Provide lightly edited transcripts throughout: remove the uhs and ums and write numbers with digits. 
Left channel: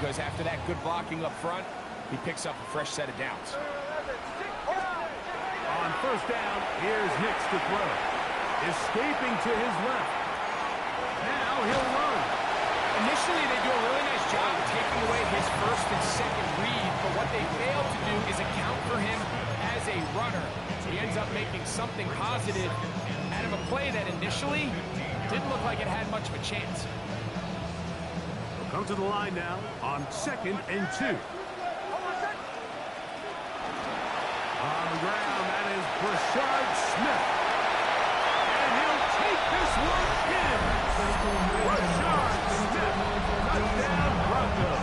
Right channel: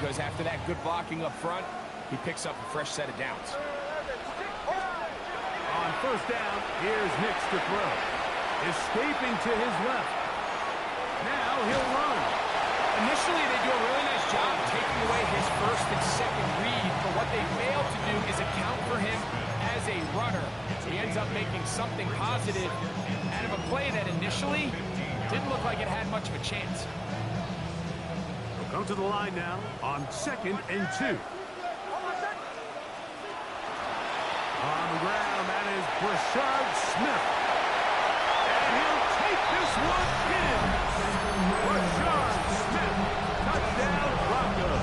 because after that good blocking up front, he picks up a fresh set of downs. On first down, here's Nix to throw. Escaping to his left. Now he'll run. Initially, they do a really nice job taking away his first and second read, but what they fail to do is account for him as a runner. He ends up making something positive out of a play that initially didn't look like it had much of a chance. He'll come to the line now on 2nd and 2. On the ground, that is Brashard Smith. And he'll take this one in. Brashard Smith, touchdown Broncos.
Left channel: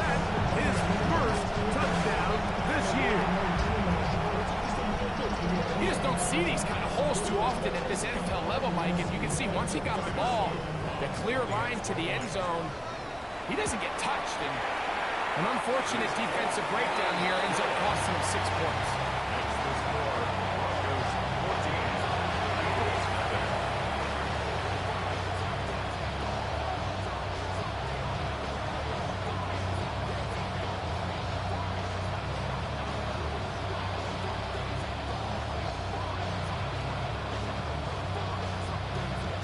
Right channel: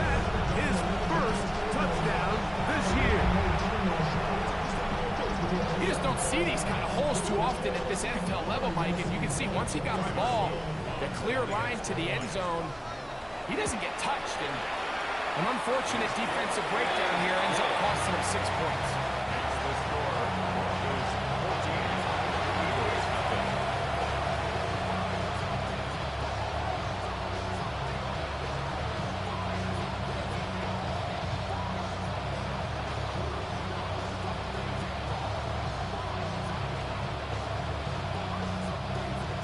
That's his first touchdown this year. You just don't see these kind of holes too often at this NFL level, Mike. And you can see once he got the ball, the clear line to the end zone, he doesn't get touched. And an unfortunate defensive breakdown here ends up costing him 6 points. Makes the score Broncos 14, Eagles nothing.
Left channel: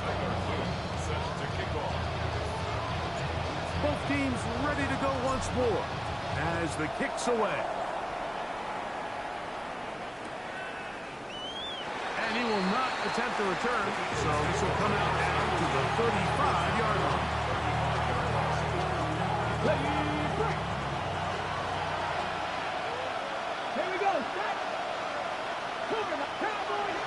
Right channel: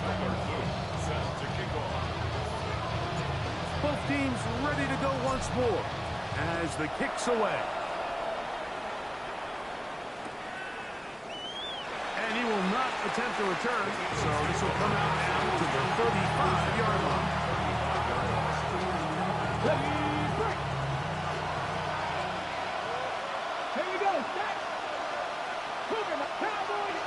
Tyler Luke set to kick off. Both teams ready to go once more as the kick's away. And he will not attempt a return, so this will come out now to the 35-yard line. Here we go, set. Cougar, my Cowboys.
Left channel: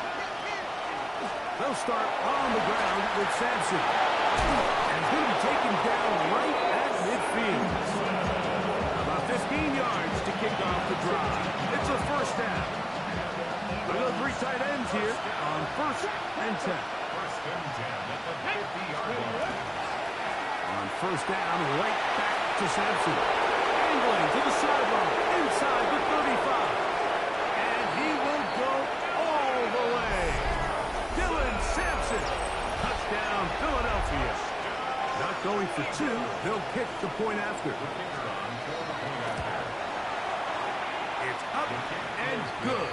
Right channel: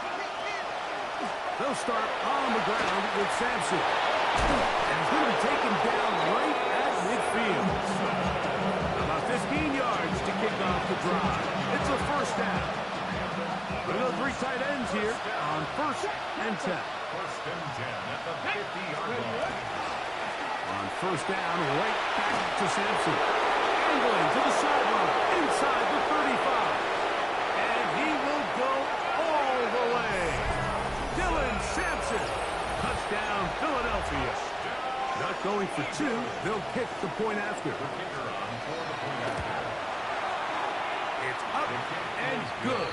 They'll start on the ground with Sampson. And he's going to be taken down right at midfield. About 15 yards to kick off the drive. It's a first down. We go 3 tight ends here on 1st and 10. 1st and 10 at the 50-yard line. On 1st down, right back to Sampson. Angling to the sideline, inside the 35. And he will go all the way. Dylan Sampson. Touchdown, Philadelphia. Not going for 2. They'll kick the point after. The kicker on for the point after. It's up and good.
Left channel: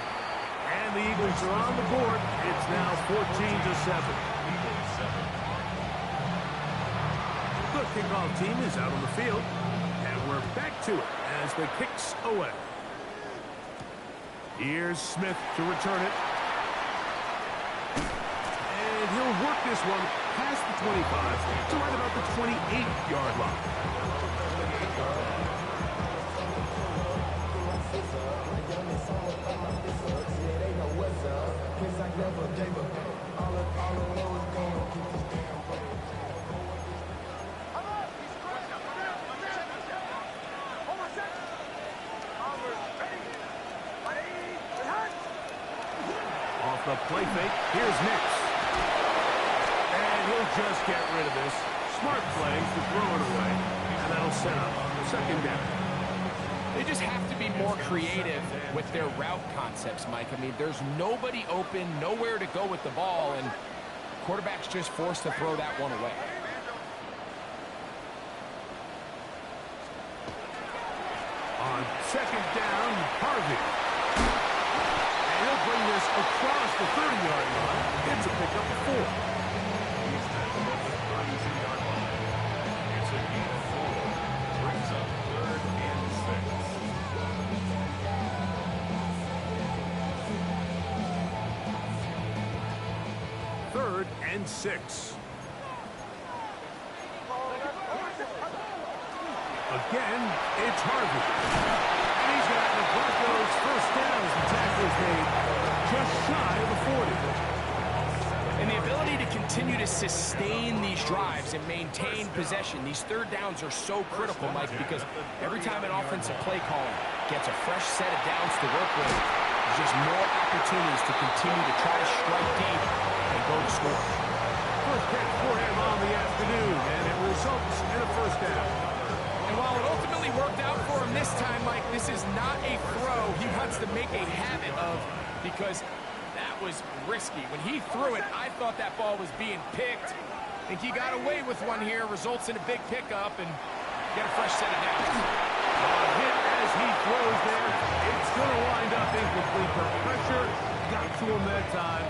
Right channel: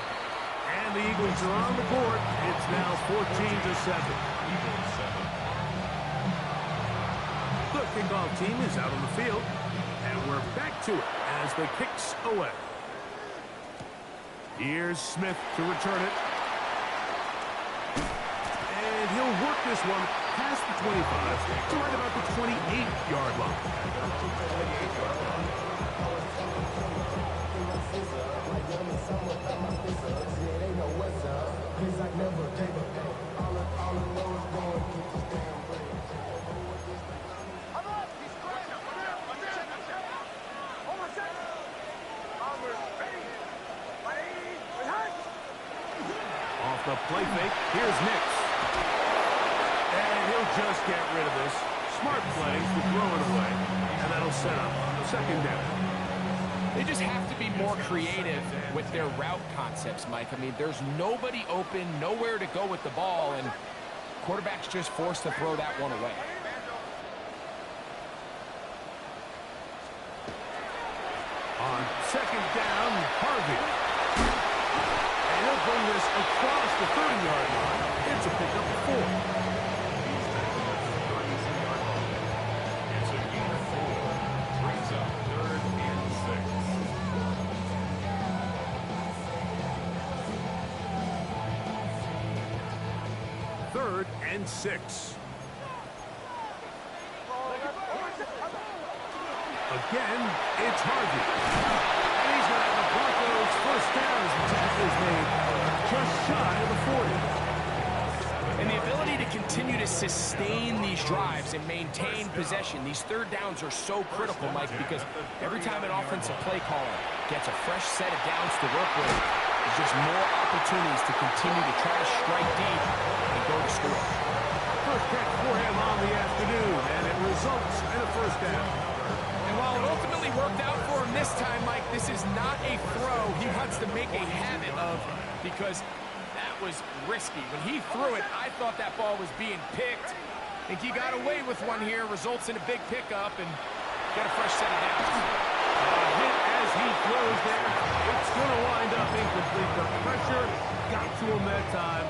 And the Eagles are on the board. It's now 14-7. Eagles 7. The kickoff team is out on the field. And we're back to it as the kick's away. Here's Smith to return it. And he'll work this one past the 25 to right about the 28-yard line. Off the play fake, here's Nix. And he'll just get rid of this. Smart play to throw it away. And that'll set up the 2nd down. They just have to be more creative with their route concepts, Mike. I mean, there's nobody open, nowhere to go with the ball, and quarterback's just forced to throw that one away. On 2nd down, Harvey. And he'll bring this across the 30-yard line. It's a pickup of 4. He's tackled at the 32-yard line. It's a gain of 4. Brings up 3rd and 6. Third and 6. Again, it's Harvey. And he's going to have the Broncos first down as the tackle is made just shy of the 40. And the ability to continue to sustain these drives and maintain possession, these 3rd downs are so critical, Mike, because every time an offensive play caller gets a fresh set of downs to work with, there's just more opportunities to continue to try to strike deep and go to score. First catch for him on the afternoon, and it results in a first down. And while it ultimately worked out for him this time, Mike, this is not a throw he wants to make a habit of, because that was risky. When he threw it, I thought that ball was being picked. I think he got away with one here, results in a big pickup, and get a fresh set of downs. Hit as he throws there. It's going to wind up incomplete. The pressure got to him that time,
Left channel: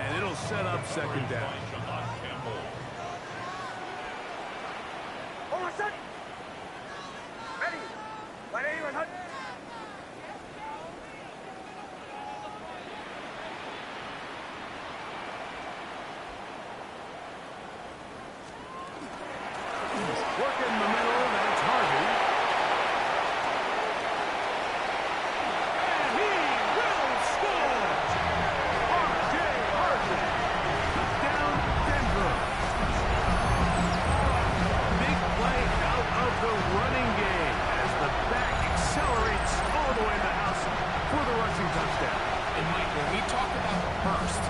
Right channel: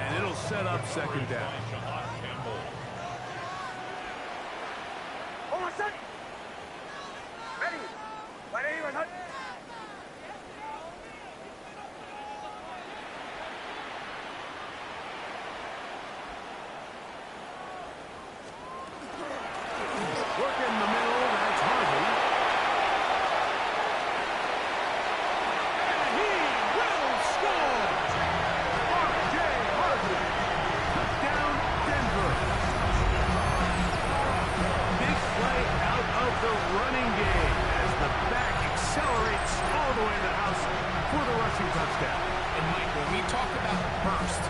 and it'll set up second down. Hold on, set. Ready. Ready, and hut. Work in the middle, that's Harvey. And he will score! R.J. Harvey. Touchdown, Denver. Big play out of the running game as the back accelerates all the way to the house for the rushing touchdown. And Mike, when we talk about burst,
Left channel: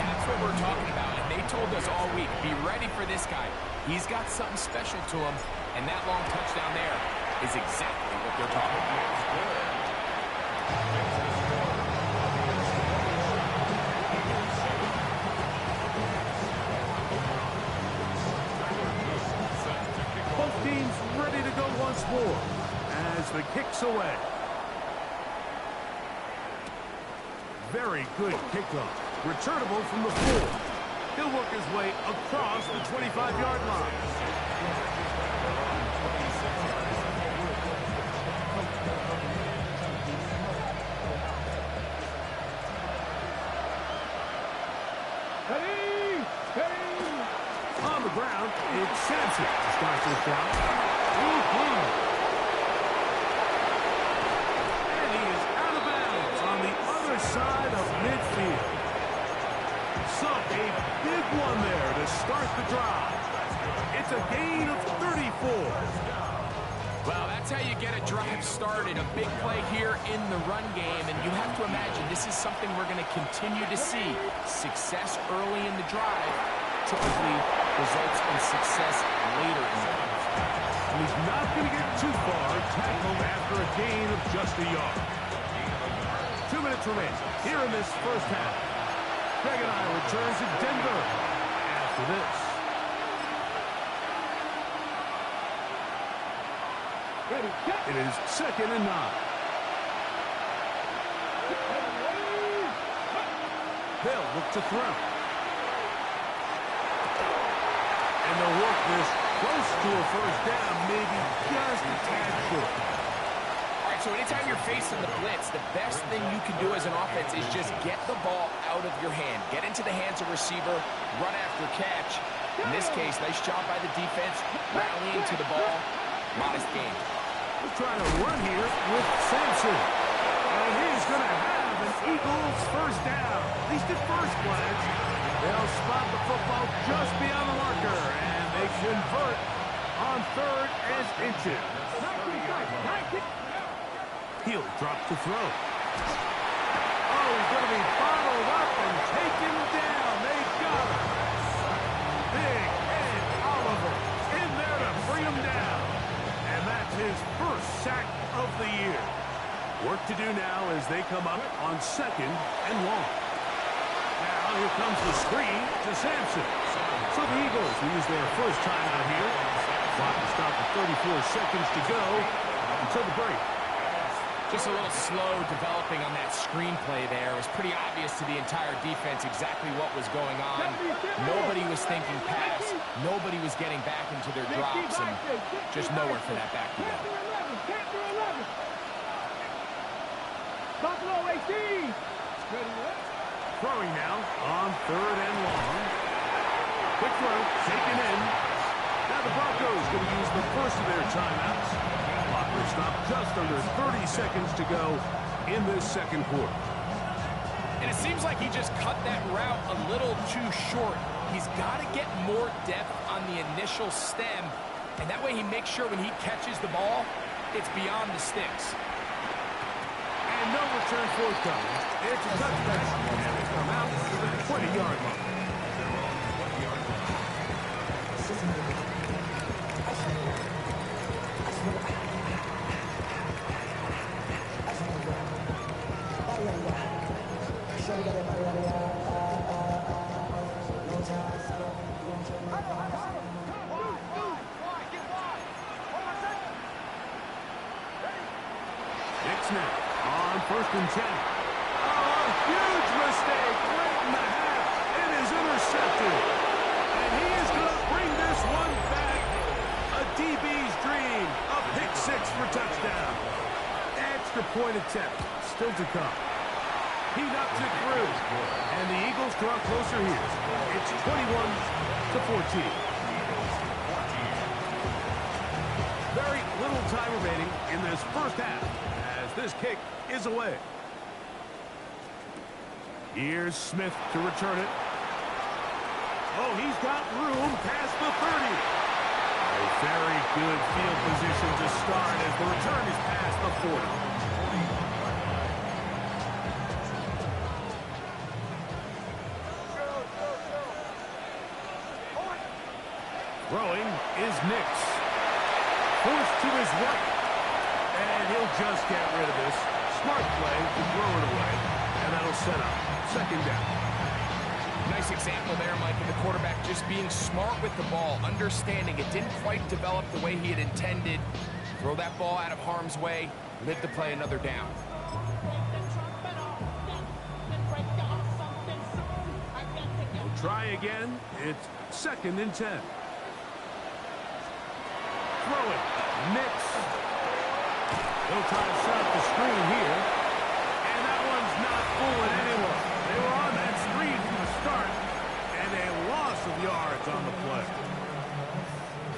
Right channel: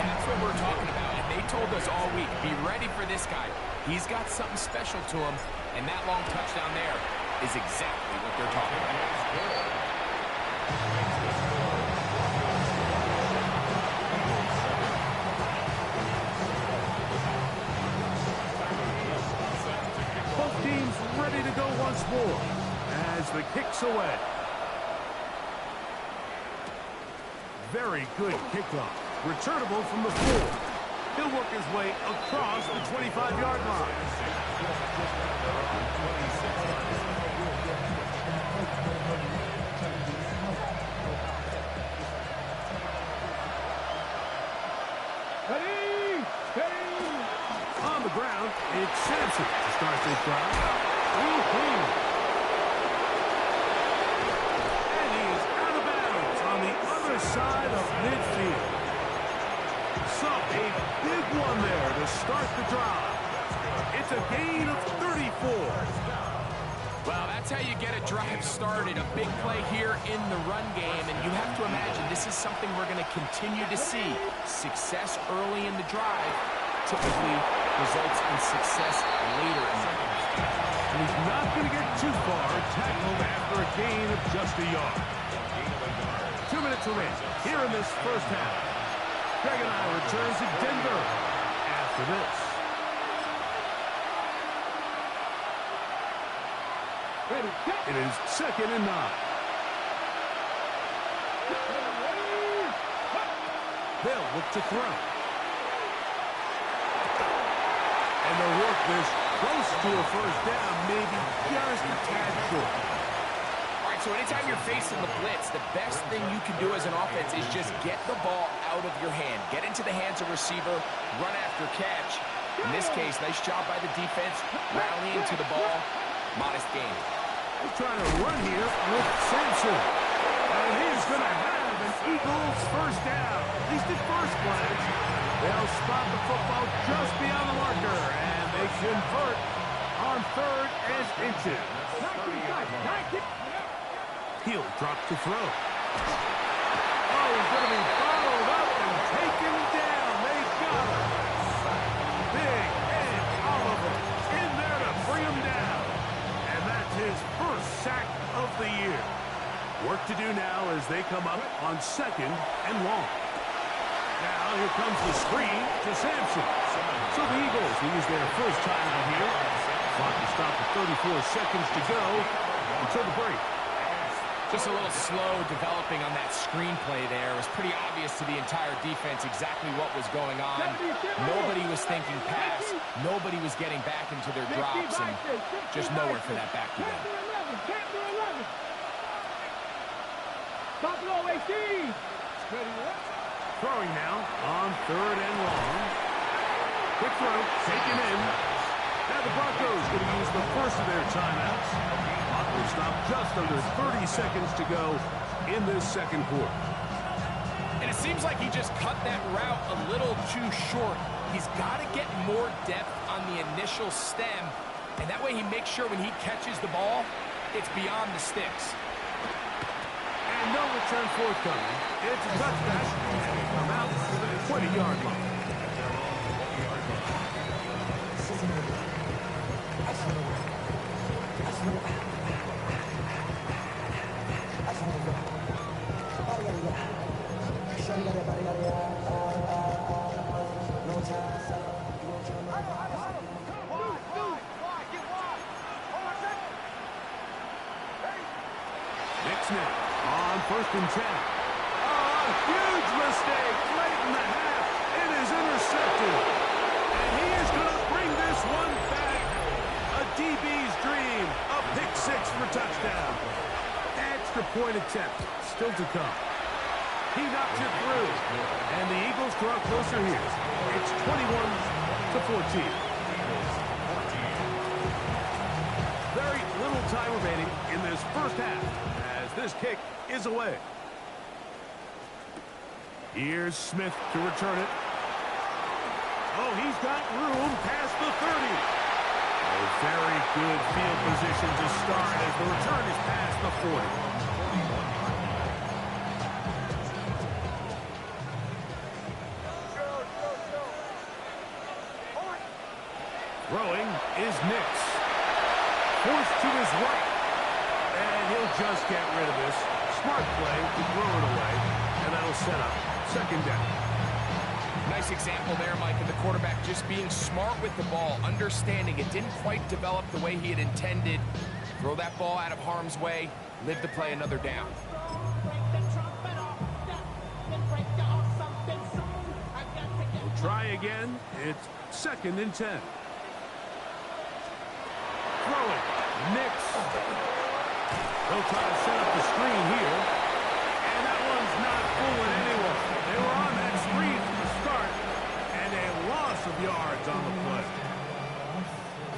that's what we're talking about. And they told us all week, be ready for this guy. He's got something special to him, and that long touchdown there is exactly what they're talking about. Both teams ready to go once more as the kick's away. Very good kickoff. Returnable from the 4. He'll work his way across the 25-yard line. Ready. Ready. On the ground, it's Sampson to start this drive. And he is out of bounds on the other side of midfield. So a big one there to start the drive. It's a gain of 34. Well, that's how you get a drive started. A big play here in the run game, and you have to imagine this is something we're going to continue to see. Success early in the drive typically results in success later in the game. And he's not going to get too far tackled after a gain of just a yard. 2 minutes remain here in this first half. Greg and I return to Denver after this. Ready. Set. It is 2nd and 9. Ready. They'll look to throw. And they'll work this close to a first down, maybe just a tad short. All right, so anytime you're facing the blitz, the best thing you can do as an offense is just get the ball out of your hand. Get into the hands of receiver, run after catch. In this case, nice job by the defense, rallying to the ball. Modest gain. He's trying to run here with Sampson. And he's going to have an Eagles first down. At least at first glance. They'll spot the football just beyond the marker. And they convert on 3rd and inches. He'll drop to throw. Oh, he's going to be bottled up and taken down. They got him. Big Ed Oliver in there to bring him down. And that's his first sack of the year. Work to do now as they come up on 2nd and long. Now here comes the screen to Sampson. So the Eagles will use their first timeout here. Clock will stop with 34 seconds to go until the break. Just a little slow developing on that screenplay there. It was pretty obvious to the entire defense exactly what was going on. Nobody was thinking pass. Nobody was getting back into their drops, and just nowhere for that back to go. Chapter 11. Buffalo 18. Ready. Throwing now on 3rd and long. Quick throw, taken in. Now the Broncos going to use the first of their timeouts. Clock will stop just under 30 seconds to go in this 2nd quarter. And it seems like he just cut that route a little too short. He's got to get more depth on the initial stem, and that way he makes sure when he catches the ball, it's beyond the sticks. And no return forthcoming. It's a touchback, and they come out to the 20-yard line. Kicks now on 1st and 10. Oh, a huge mistake late in the half. It is intercepted. And he is going to bring this one back. A DB's dream. A pick 6 for touchdown. Extra point attempt still to come. He knocks it through. And the Eagles draw closer here. It's 21-14. Very little time remaining in this first half as this kick is away. Here's Smith to return it. Oh, he's got room past the 30. Oh, very good field position to start as the return is past the 40. 41-yard line. Throwing is Nix. Forced to his right. And he'll just get rid of this. Smart play to throw it away. And that'll set up 2nd down. Nice example there, Mike, of the quarterback just being smart with the ball, understanding it didn't quite develop the way he had intended. Throw that ball out of harm's way, live to play another down. We'll try again. It's 2nd and 10. Throwing. Nix. They'll try to set up the screen here. And that one's not fooling anyone. They were on that screen from the start. And a loss of yards on the play.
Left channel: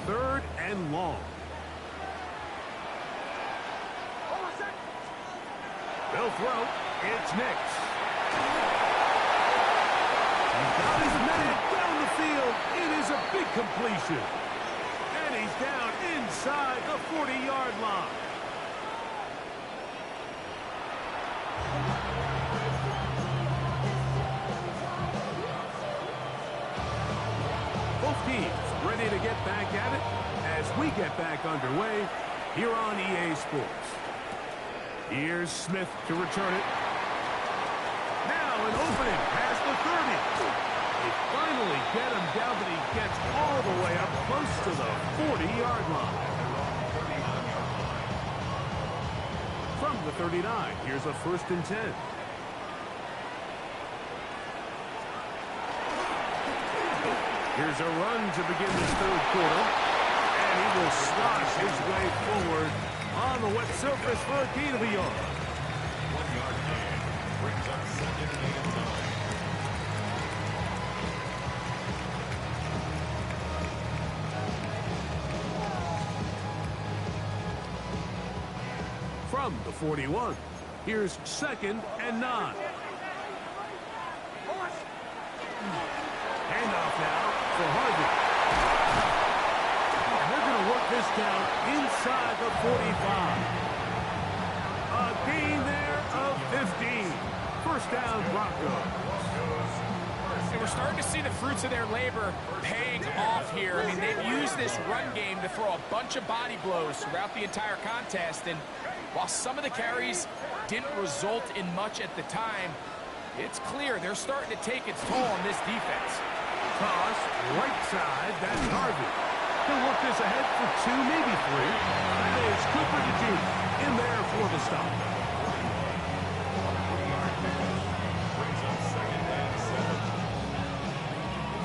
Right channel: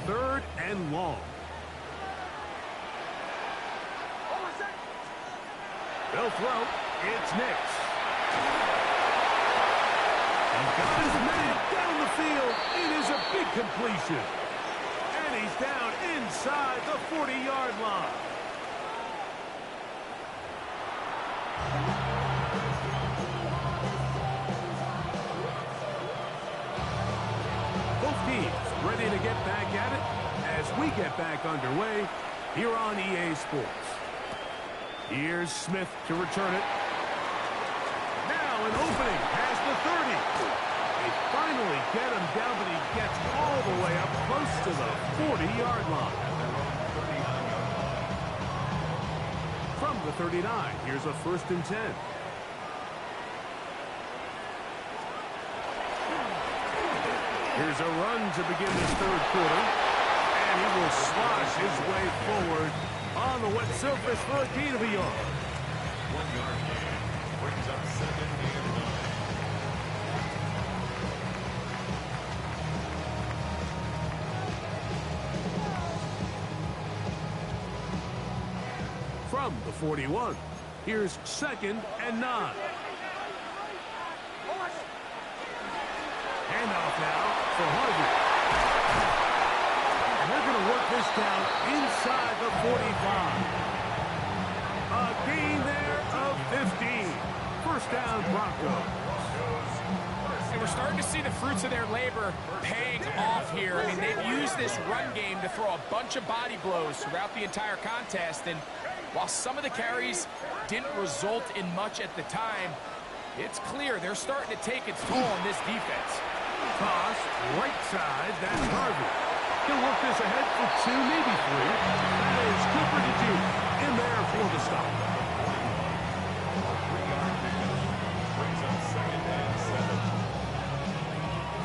3rd and long. They'll throw. It's Nix. He's got his man down the field. It is a big completion. And he's down inside the 40-yard line. Both teams ready to get back at it as we get back underway here on EA Sports. Here's Smith to return it. Now an opening past the 30. They finally get him down, but he gets all the way up close to the 40-yard line. From the 39, here's a 1st and 10. Here's a run to begin this 3rd quarter. And he will slosh his way forward on the wet surface for a gain of a yard. 1-yard gain brings up 2nd and 9. From the 41, here's 2nd and 9. Handoff now for Harvey. And they're going to work this down inside the 45. A gain there of 15. 1st down, Broncos. And we're starting to see the fruits of their labor paying off here. I mean, they've used this run game to throw a bunch of body blows throughout the entire contest. And while some of the carries didn't result in much at the time, it's clear they're starting to take its toll on this defense. Toss, right side, that's Harvey. He'll work this ahead for 2, maybe 3. That is Cooper DeJean in there for the stop. 3-yard finish brings up 2nd and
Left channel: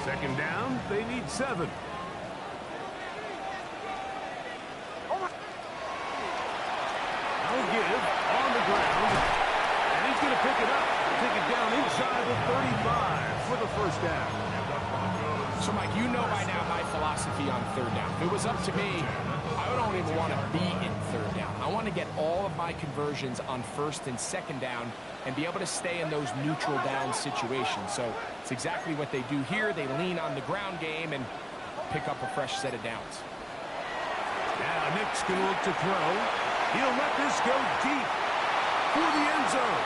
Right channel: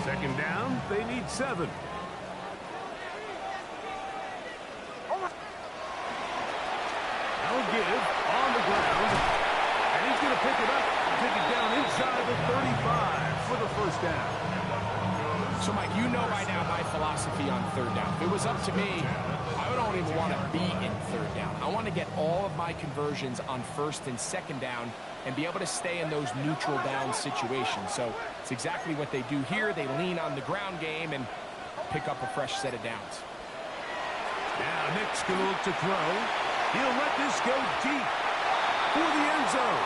7. 2nd down, they need 7. Now a give on the ground. And he's going to pick it up. Take it down inside the 35 for the 1st down. So, Mike, you know by now my philosophy on 3rd down. If it was up to me, I don't even want to be in 3rd down. I want to get all of my conversions on 1st and 2nd down and be able to stay in those neutral down situations. So it's exactly what they do here. They lean on the ground game and pick up a fresh set of downs. Now Nick's going to look to throw. He'll let this go deep for the end zone.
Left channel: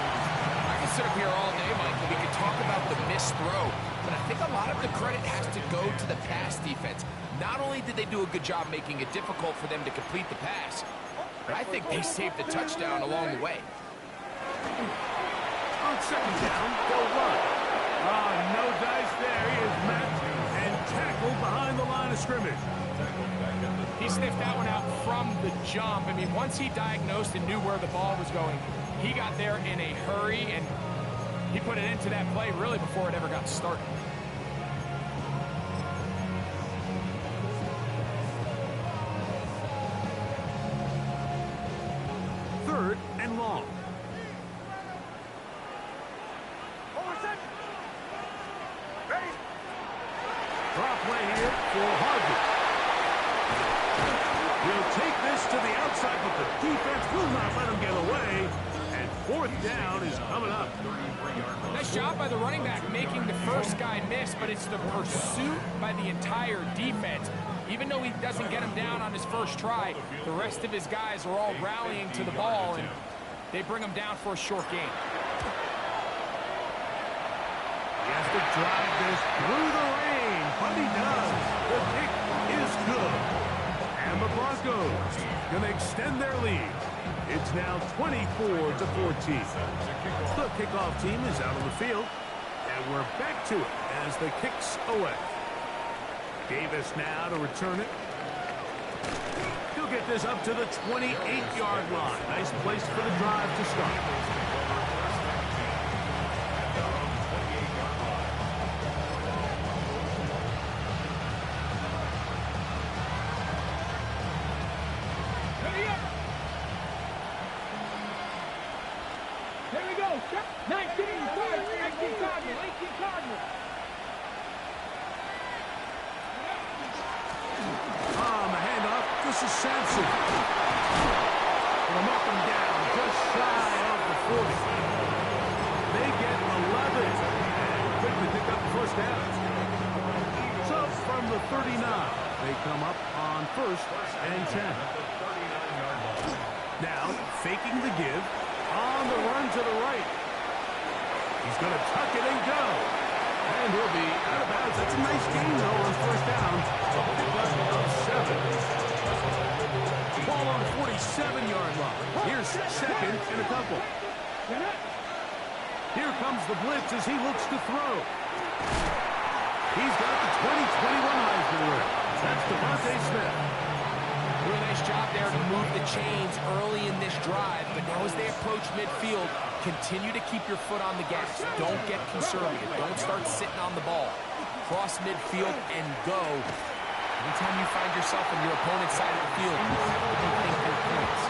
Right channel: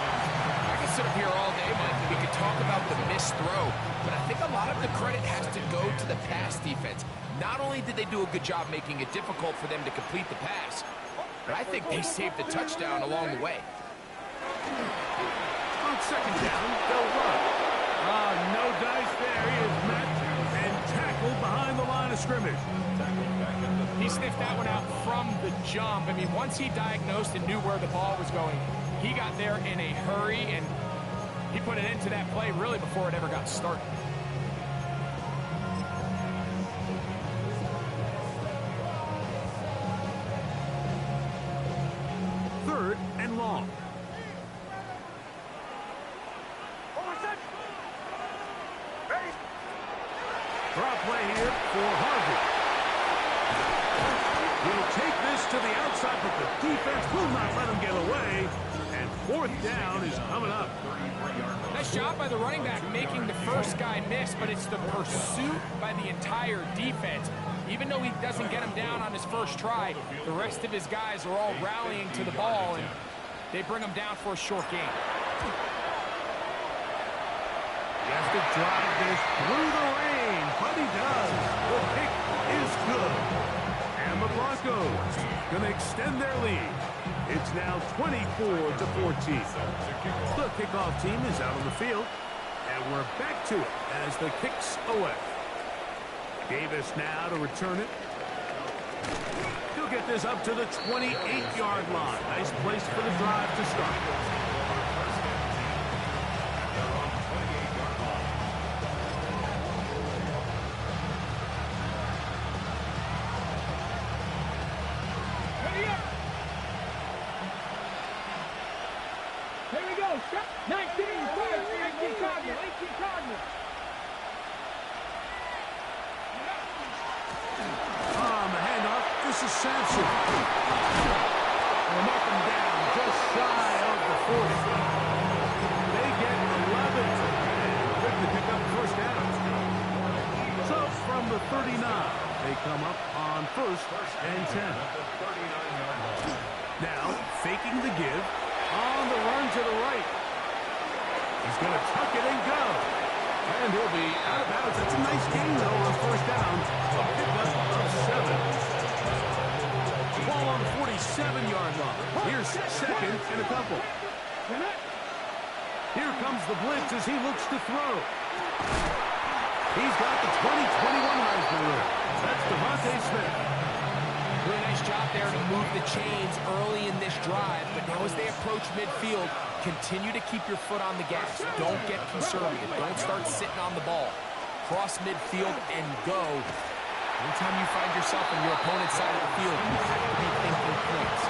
I can sit up here all day, Mike, and we can talk about the missed throw, but I think a lot of the credit has to go to the pass defense. Not only did they do a good job making it difficult for them to complete the pass, but I think they saved the touchdown along the way. On 2nd down, they'll run. Oh, no dice there. He is met and tackled behind the line of scrimmage. He sniffed that one out from the jump. I mean, once he diagnosed and knew where the ball was going, he got there in a hurry, and he put it into that play really before it ever got started. Third and long. Draw play here for Harvey. He'll take this to the outside, but the defense will not let him get away. And fourth down is coming up. Nice job by the running back making the first guy miss, but it's the pursuit by the entire defense. Even though he doesn't get him down on his first try, the rest of his guys are all rallying to the ball, and they bring him down for a short gain. He has to drive this through the rain, but he does. The kick is good. And the Broncos going to extend their lead. It's now 24-14. The kickoff team is out on the field, and we're back to it as the kick's away. Davis now to return it. He'll get this up to the 28-yard line. Nice place for the drive to start. Ready up. Here we go. 19 Cardinal. 18 Cardinal. The handoff. This is Sampson. We'll mark him down just shy of the 40. They get 11 and quickly pick up the first down. So from the 39, they come up on first and 10. Now faking the give on the run to the right. He's going to tuck it and go. And he'll be out of bounds. That's a nice gain, though, on first down. A pickup of 7. Ball on the 47-yard line. Here's second and a couple. Here comes the blitz as he looks to throw. He's got the 2021 Heisman winner. That's Devontae Smith. Really nice job there to move the chains early in this drive, but now as they approach midfield, continue to keep your foot on the gas. Don't get conservative. Don't start sitting on the ball. Cross midfield and go. Anytime you find yourself on your opponent's side of the field, you have to be thinking points.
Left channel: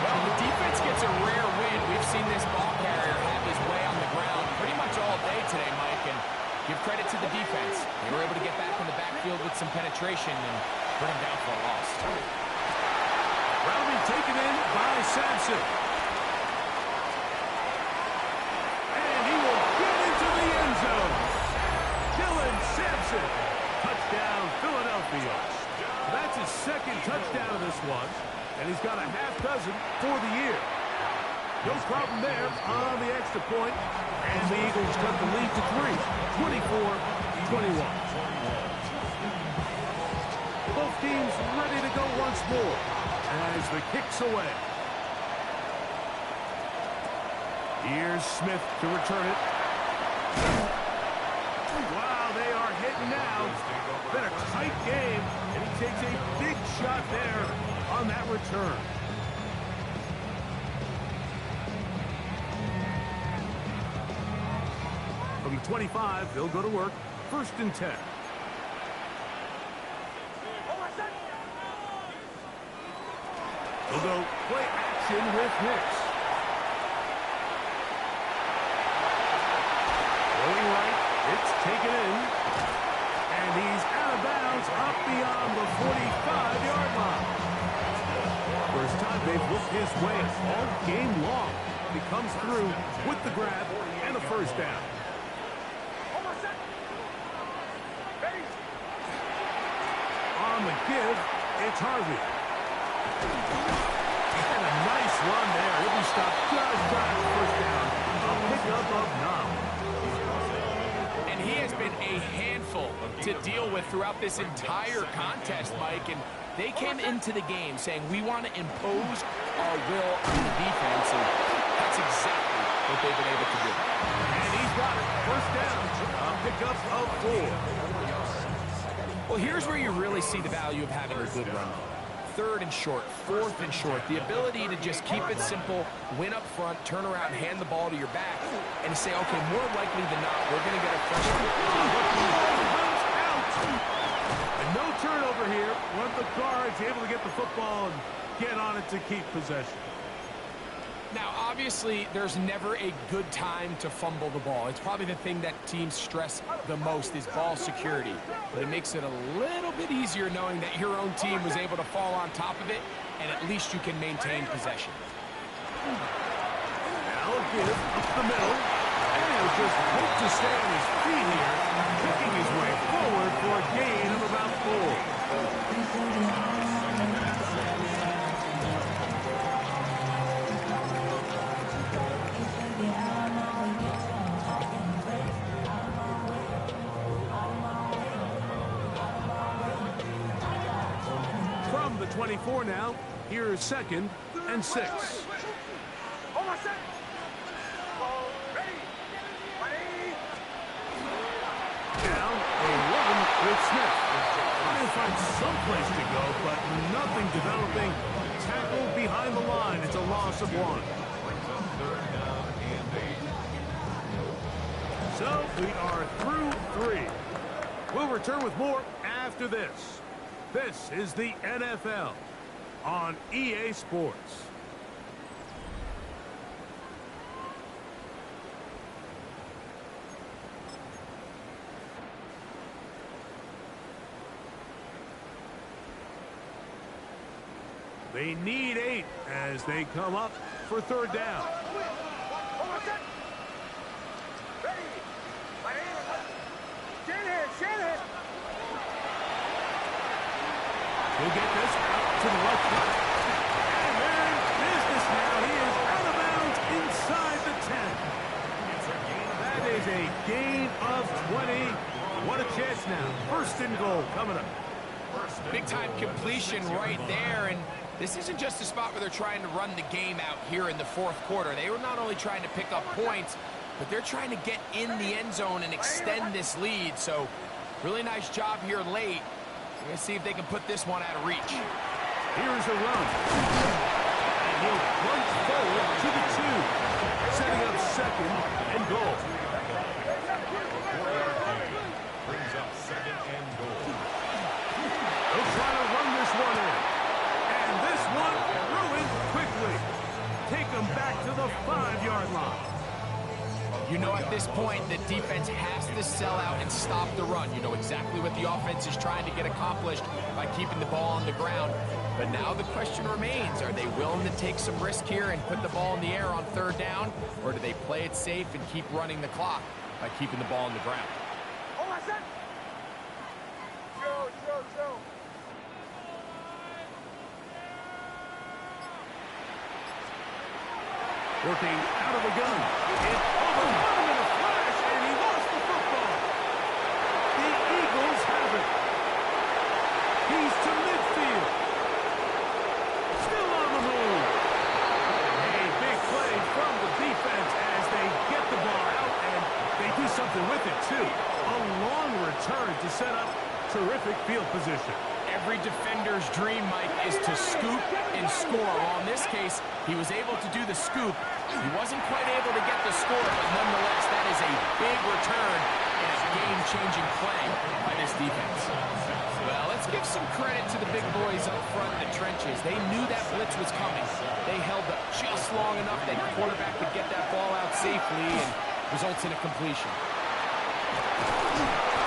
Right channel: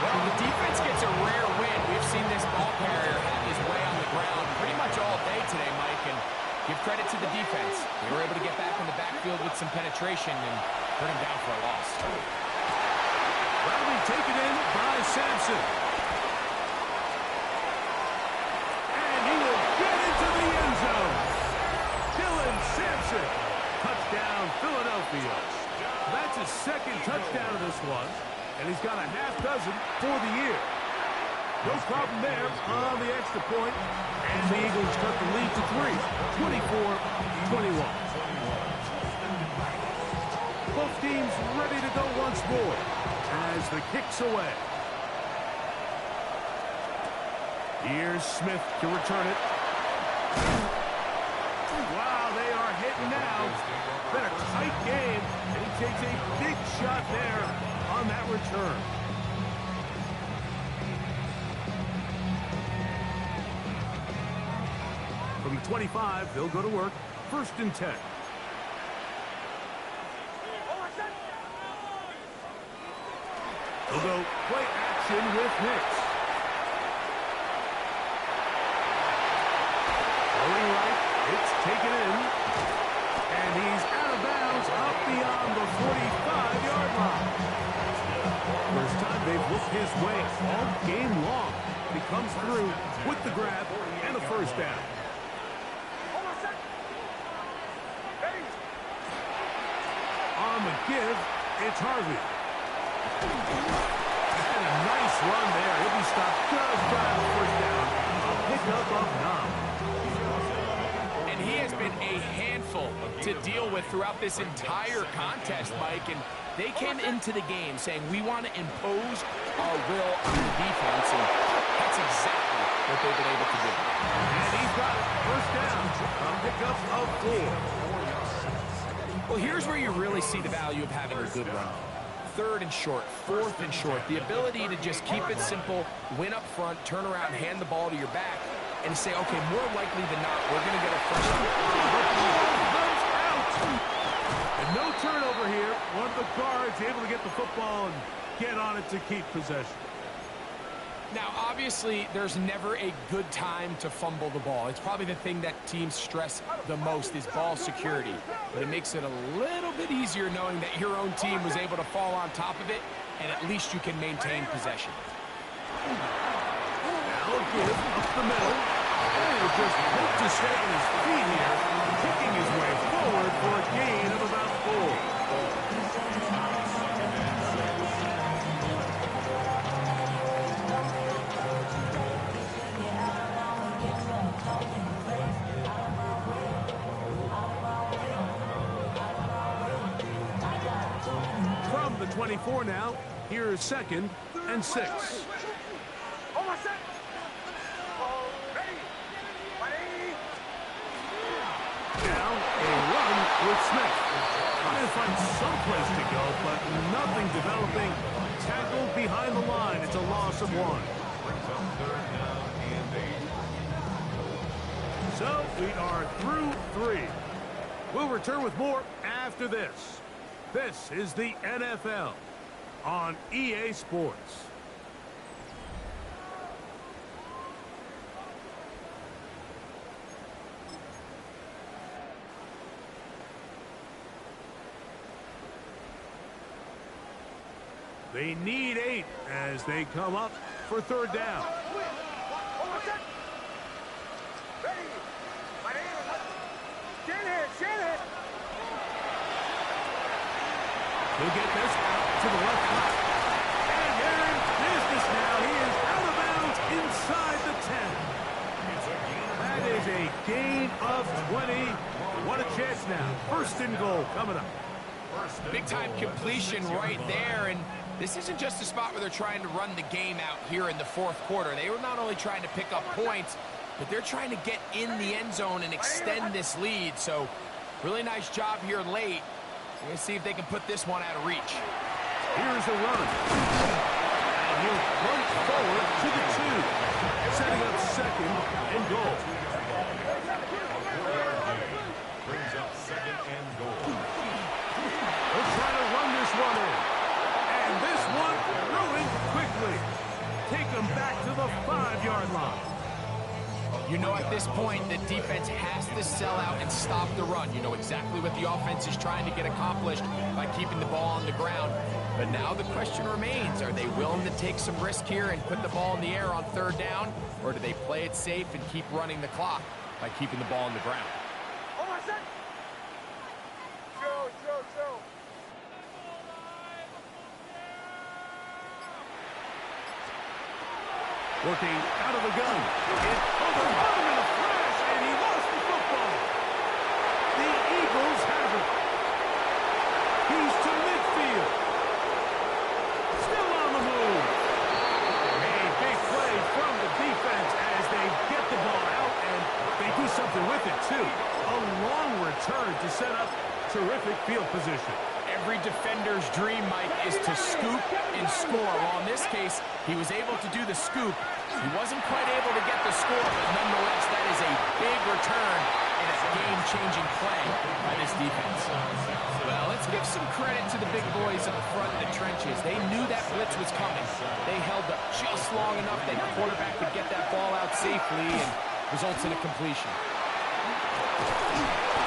Well, the defense gets a rare win. We've seen this ball carrier have his way on the ground pretty much all day today, Mike, and give credit to the defense. They were able to get back in the backfield with some penetration and bring him down for a loss. That'll be taken in by Sampson. And he will get into the end zone. Dylan Sampson. Touchdown, Philadelphia. That's his second touchdown of this one. And he's got a half dozen for the year. No problem there on the extra point. And the Eagles cut the lead to 3. 24-21. Both teams ready to go once more as the kick's away. Here's Smith to return it. Wow, they are hitting now. Been a tight game, and he takes a big shot there on that return. From the 25, they'll go to work. First and 10. They'll go play action with Hicks. Throwing right, it's taken in. And he's out of bounds up beyond the 45-yard line. First time they've looked his way all game long. He comes through with the grab and a first down. On the give, it's Harvey. And a nice run there. He'll be stopped just shy of the first down. A pickup of 9. And he has been a handful to deal with throughout this entire contest, Mike. And they came into the game saying, we want to impose our will on the defense. And that's exactly what they've been able to do. And he's got it. First down. A pickup of 4. Well, here's where you really see the value of having a good run. Third and short, fourth and short, the ability to just keep it simple, win up front, turn around, hand the ball to your back, and say, okay, more likely than not, we're going to get a fresh... And no turnover here. One of the guards able to get the football and get on it to keep possession. Now, obviously, there's never a good time to fumble the ball. It's probably the thing that teams stress the most is ball security. But it makes it a little bit easier knowing that your own team was able to fall on top of it, and at least you can maintain possession. Now a give up the middle. And he'll just hope to stay on his feet here, kicking his way forward for a gain of about 4. From the 24 now, here's 2nd and 6. Now, a run with Smith. Trying to find some place to go, but nothing developing. Tackled behind the line. It's a loss of 1. Brings up 3rd down and 8. So, we are through 3. We'll return with more after this. This is the NFL on EA Sports. They need 8 as they come up for 3rd down. He'll get this out to the left flat. And they're in business now. He is out of bounds inside the 10. That is a gain of 20. What a chance now. 1st and goal coming up. Big-time completion right there, and this isn't just a spot where they're trying to run the game out here in the 4th quarter. They were not only trying to pick up points, but they're trying to get in the end zone and extend this lead. So, really nice job here late. We're going to see if they can put this one out of reach. Here's a run. And he'll plunge forward to the 2. Setting up 2nd and goal. Brings up 2nd and goal. They'll try to run this one in. And this one ruined quickly. Take them back to the 5-yard line. You know at this point the defense has to sell out and stop the run. You know exactly what the offense is trying to get accomplished by keeping the ball on the ground. But now the question remains, are they willing to take some risk here and put the ball in the air on 3rd down? Or do they play it safe and keep running the clock by keeping the ball on the ground? Working out of the gun. It overrun him in a flash, and he lost the football. The Eagles have it. He's to midfield. Still on the move. A big play from the defense as they get the ball out, and they do something with it, too. A long return to set up terrific field position. Every defender's dream, Mike, is to scoop and score. Well, in this case, he was able to do the scoop. He wasn't quite able to get the score, but nonetheless, that is a big return and a game-changing play by this defense. Well, let's give some credit to the big boys up front in the trenches. They knew that blitz was coming. They held up just long enough that the quarterback could get that ball out safely and results in a completion.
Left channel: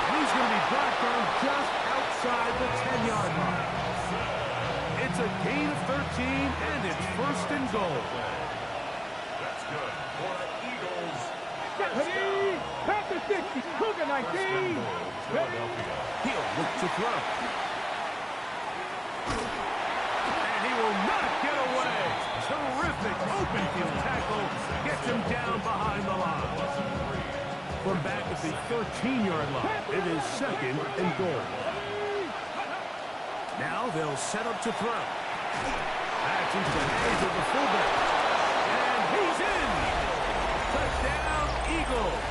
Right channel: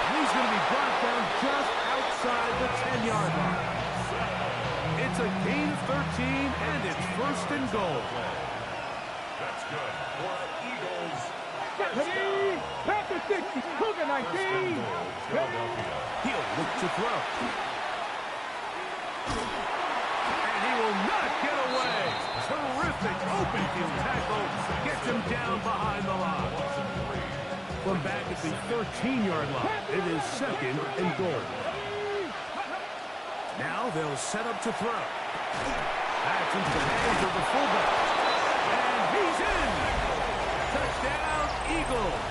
And he's going to be brought down just outside the 10-yard line. It's a gain of 13, and it's 1st and goal. That's good for the Eagles. Ready? Panther 60, Cougar 19. Philadelphia. He'll look to throw. And he will not get away. Terrific open field tackle. Gets him down behind the line. From back at the 13-yard line, it is 2nd and goal. Now they'll set up to throw. That's into the hands of the fullback. And he's in. Touchdown, Eagles.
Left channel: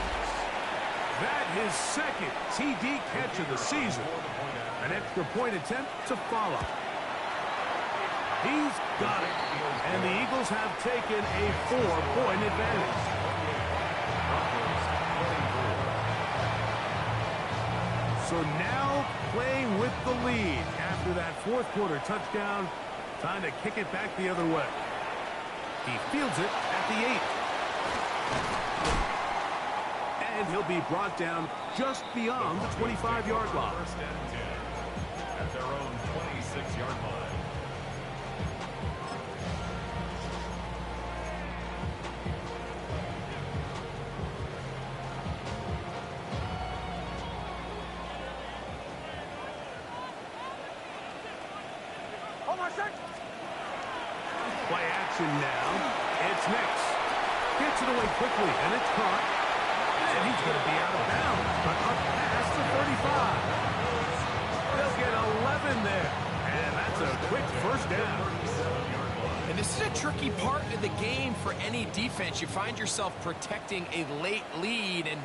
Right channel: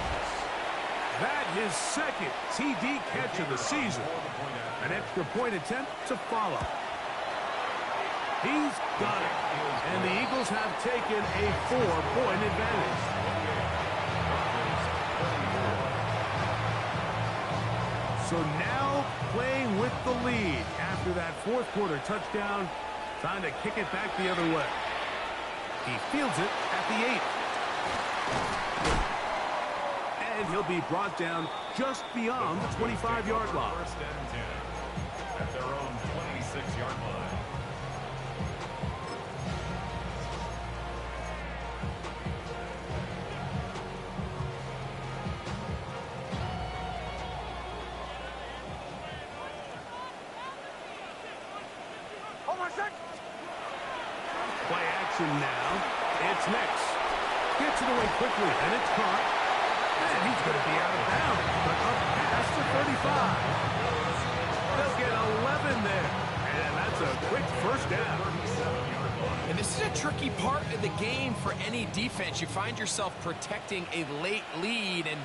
That his second TD catch of the season. An extra point attempt to follow. He's got it. And the Eagles have taken a 4-point advantage. So now playing with the lead after that fourth quarter touchdown. Time to kick it back the other way. He fields it at the 8. And he'll be brought down just beyond the 25-yard line. First and 10 at their own 26-yard line. Play action now. It's Nix. Gets it away quickly, and it's caught. And he's going to be out of bounds, but up past the 35. They'll get 11 there. And that's a quick first down. And this is a tricky part of the game for any defense. You find yourself protecting a late lead, and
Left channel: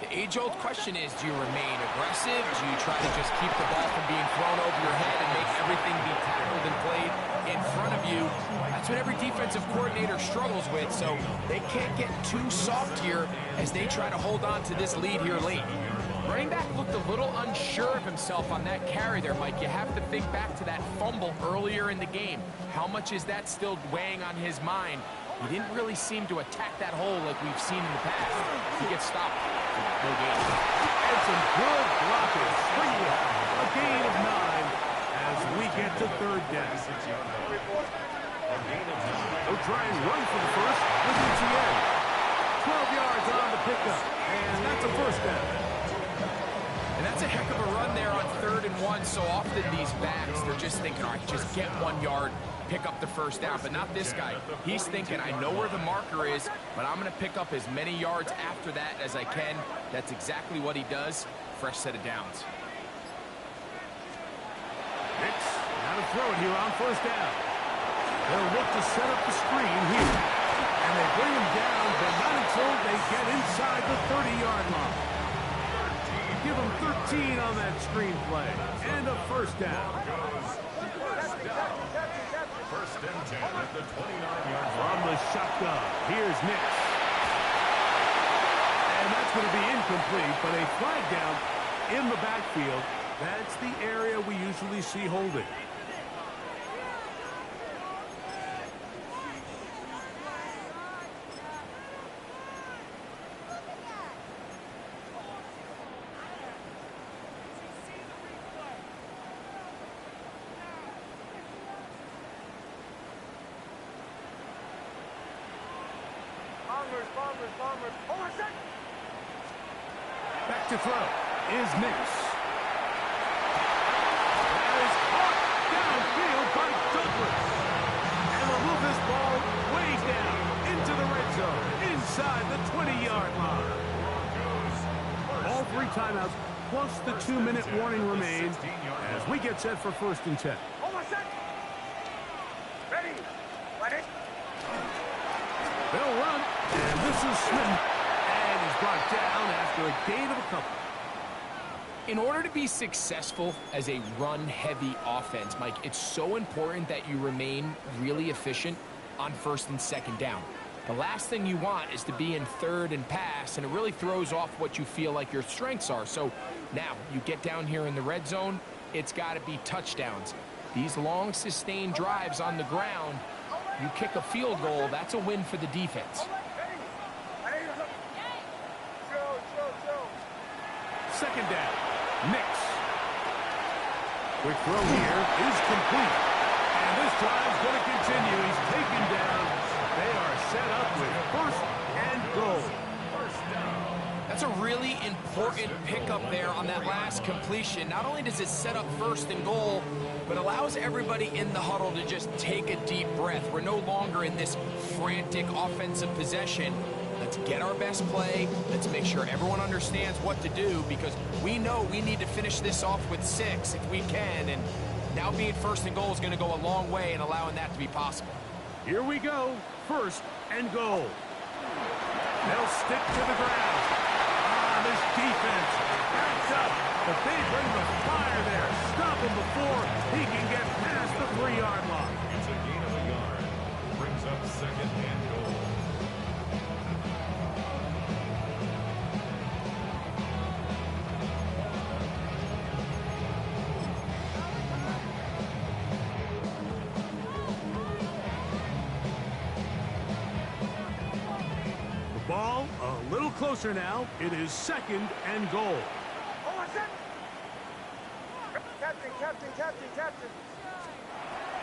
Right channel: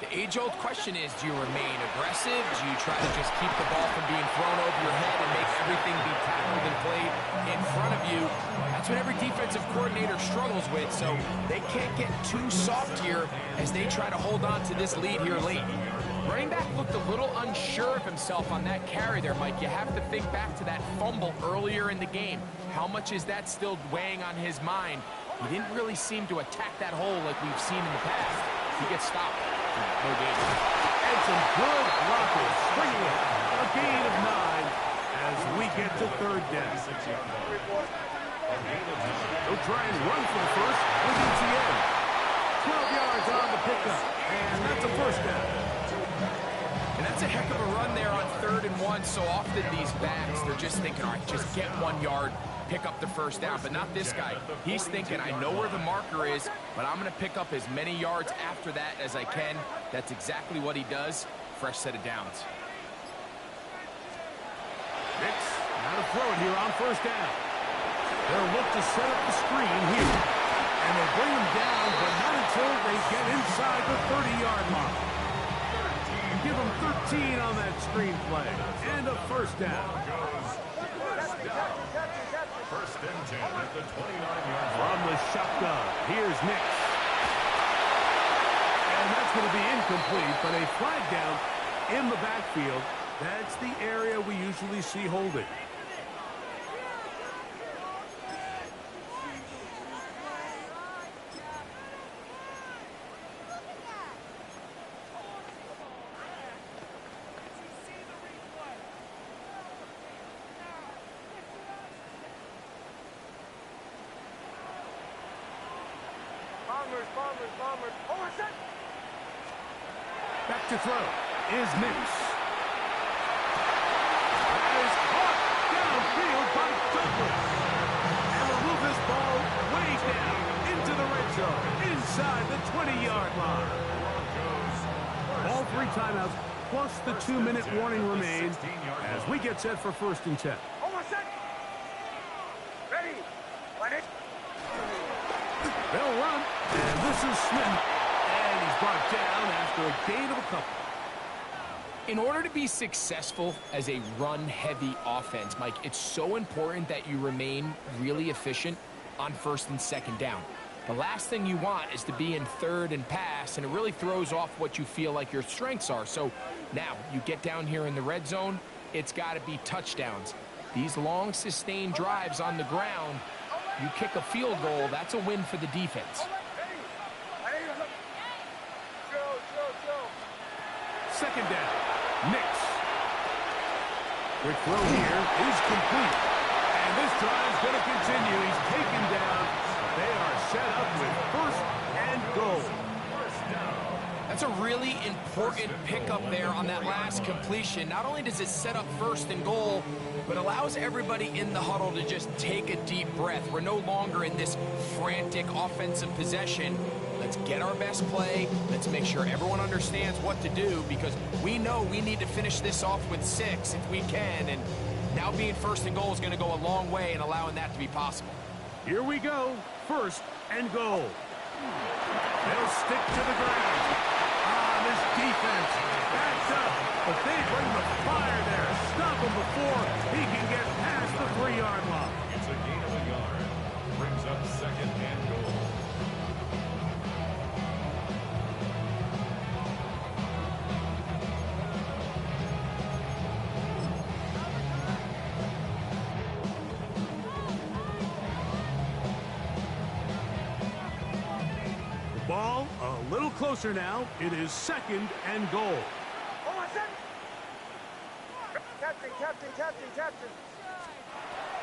the age-old question is, do you remain aggressive? Do you try to just keep the ball from being thrown over your head and make everything be tackled and played in front of you? That's what every defensive coordinator struggles with, so they can't get too soft here as they try to hold on to this lead here late. Running back looked a little unsure of himself on that carry there, Mike. You have to think back to that fumble earlier in the game. How much is that still weighing on his mind? He didn't really seem to attack that hole like we've seen in the past. He gets stopped. No gain. And some good blocking. Springing out. A gain of 9 as we get to third down. They'll try and run for the first with ETN. 12 yards on the pickup. And that's a first down. And that's a heck of a run there on 3rd and 1. So often these backs, they're just thinking, all right, just get 1 yard, pick up the first down. But not this guy. He's thinking, I know where the marker is, but I'm going to pick up as many yards after that as I can. That's exactly what he does. Fresh set of downs. Nix, now to throw it here on first down. They'll look to set up the screen here. And they bring him down, but not until they get inside the 30-yard line. Give him 13 on that screen play. And a first down. First and 10 at the 29-yard line. From the shotgun, here's Nix. And that's going to be incomplete, but a flag down in the backfield. That's the area we usually see holding. Bombers. Oh, it's that. Back to throw is Nix. That is caught downfield by Douglas. And they'll move this ball way down into the red zone, inside the 20-yard line. All 3 timeouts, plus the 2-minute warning remain as we get set for 1st and 10. Oh, it's that. Ready. Ready. They'll run, and this is Smith. And he's brought down after a gain of a couple. In order to be successful as a run-heavy offense, Mike, it's so important that you remain really efficient on 1st and 2nd down. The last thing you want is to be in 3rd and pass, and it really throws off what you feel like your strengths are. So now you get down here in the red zone, it's got to be touchdowns. These long, sustained drives on the ground, you kick a field goal, that's a win for the defense. Second down, Nix. Quick throw here is complete. And this drive's going to continue. He's taken down. They are set up with 1st and goal. That's a really important pickup there on that last completion. Not only does it set up 1st and goal, but allows everybody in the huddle to just take a deep breath. We're no longer in this frantic offensive possession. Let's get our best play. Let's make sure everyone understands what to do, because we know we need to finish this off with 6 if we can. And now being 1st and goal is going to go a long way in allowing that to be possible. Here we go. 1st and goal. They'll stick to the ground. on this defense. Backed up, but they bring the fire there. Stop him before he can get past the 3-yard line. It's a gain of a yard. Brings up second and goal. Ball a little closer now. It is second and goal. Captain.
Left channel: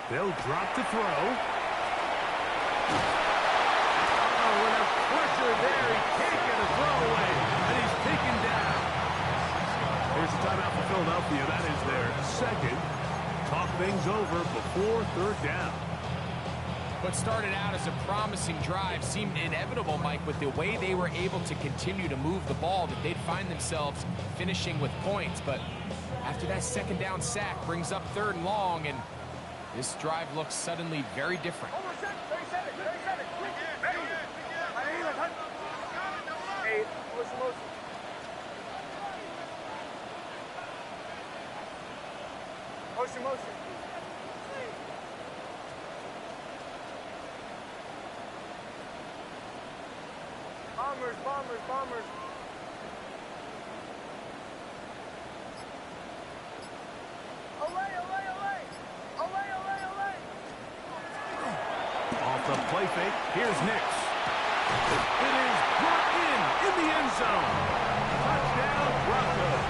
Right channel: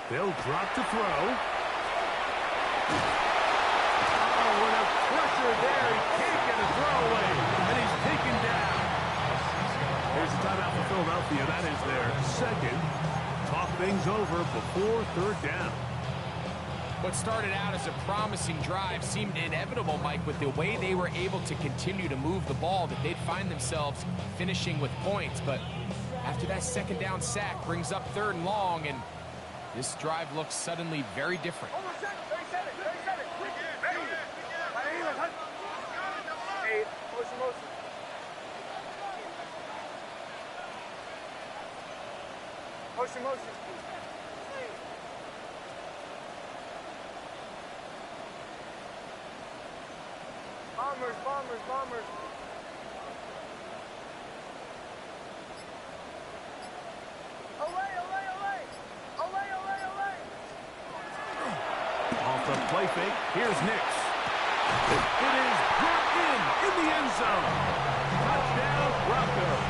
They'll drop to throw. Oh, with a pressure there. He can't get a throw away, and he's taken down. Here's the timeout for Philadelphia. That is their second. Talk things over before third down. What started out as a promising drive seemed inevitable, Mike, with the way they were able to continue to move the ball, that they'd find themselves finishing with points. But after that second down sack brings up third and long, and this drive looks suddenly very different. Motion. Bombers. Olay. Off the play fake, here's Nix. It is brought in the end zone. Touchdown, Broncos.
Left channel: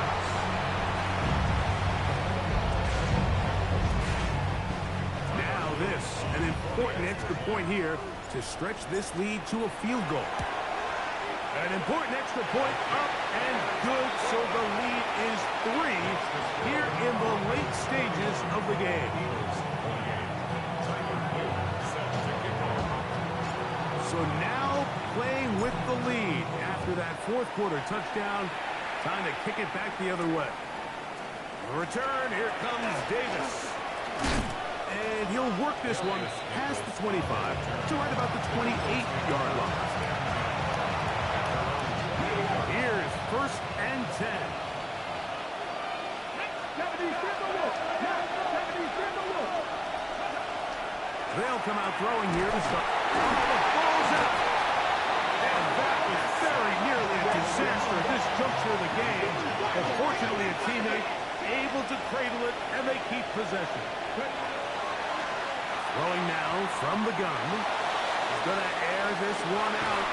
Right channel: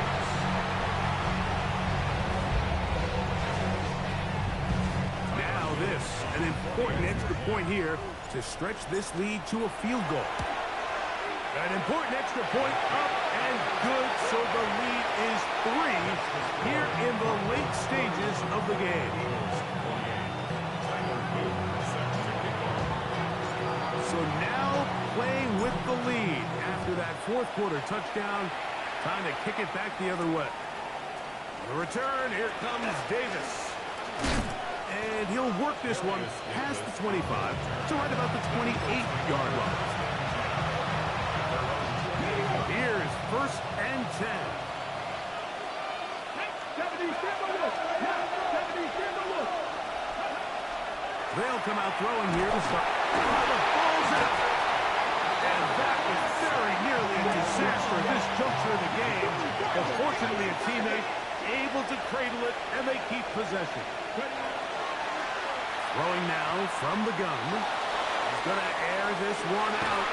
Now this, an important extra point here to stretch this lead to a field goal. An important extra point up and good, so the lead is 3 here in the late stages of the game. So now playing with the lead after that fourth quarter touchdown. Time to kick it back the other way. On the return, here comes Davis. And he'll work this one past the 25 to right about the 28-yard line. Here's first and 10. They'll come out throwing here to start. The ball's out. And that was very nearly a disaster at this juncture of the game. But fortunately, a teammate able to cradle it, and they keep possession. Throwing now from the gun. He's going to air this one out.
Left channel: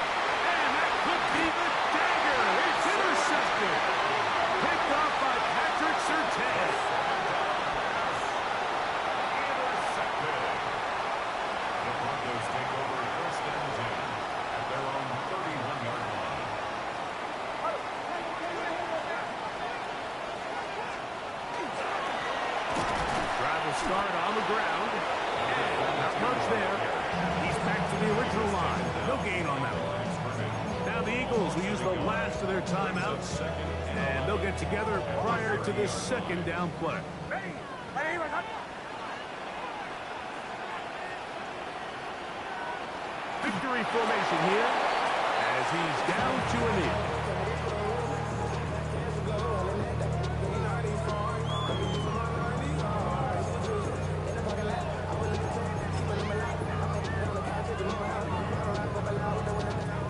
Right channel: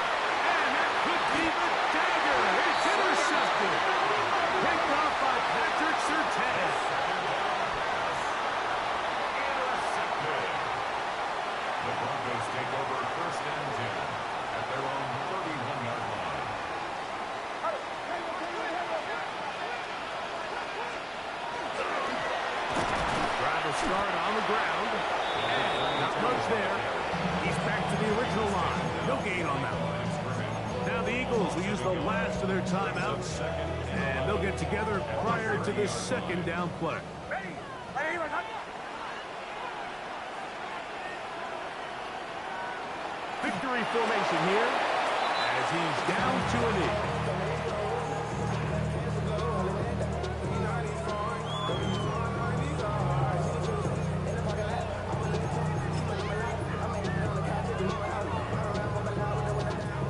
And that could be the dagger. It's intercepted. Picked off by Patrick Surtain. Intercepted. The Broncos take over first and 10 at their own 31-yard line. Drive will start on the ground. And not much there. He's back to the original line. No gain on that one. Now the Eagles will use the last of their timeouts. And they'll get together prior to this second down play. Victory formation here as he's down to a knee.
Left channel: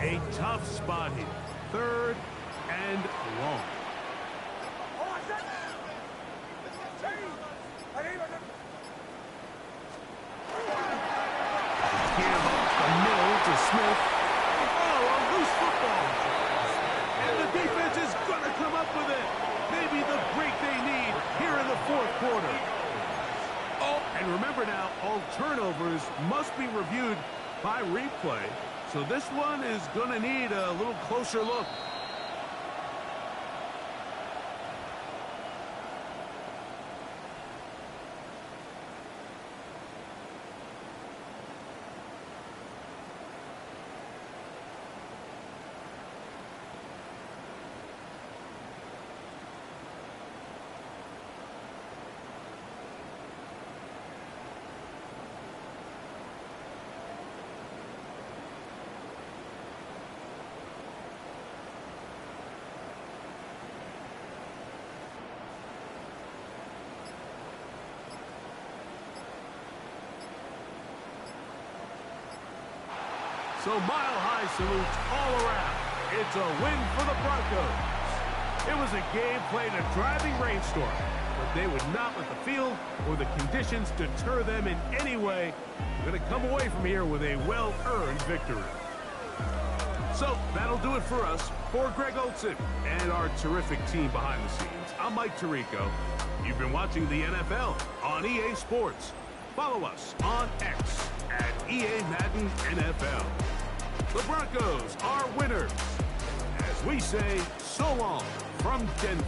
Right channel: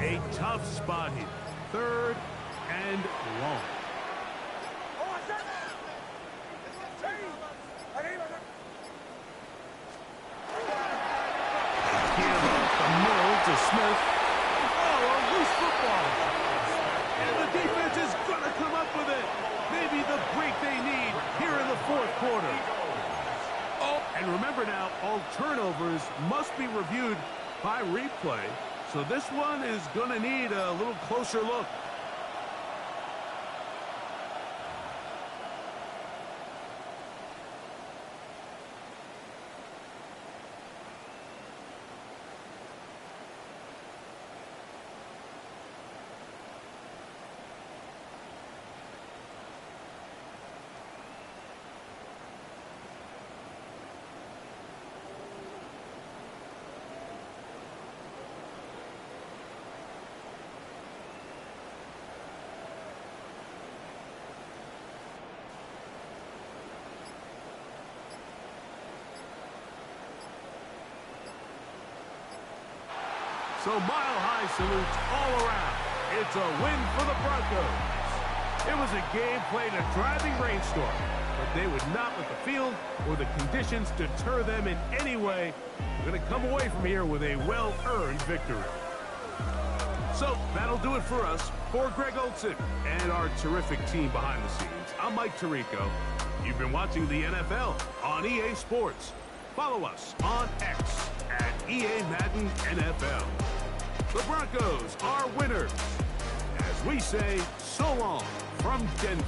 A tough spot here. Third and long. Give up the middle to Smith. Oh, a loose football. And the defense is going to come up with it. Maybe the break they need here in the fourth quarter. Oh, and remember now, all turnovers must be reviewed by replay. So this one is going to need a little closer look. So mile-high salutes all around. It's a win for the Broncos. It was a game played in a driving rainstorm, but they would not let the field or the conditions deter them in any way. They're going to come away from here with a well-earned victory. So that'll do it for us. For Greg Olson and our terrific team behind the scenes, I'm Mike Tirico. You've been watching the NFL on EA Sports. Follow us on X at EA Madden NFL. The Broncos are winners. As we say, so long from Denver.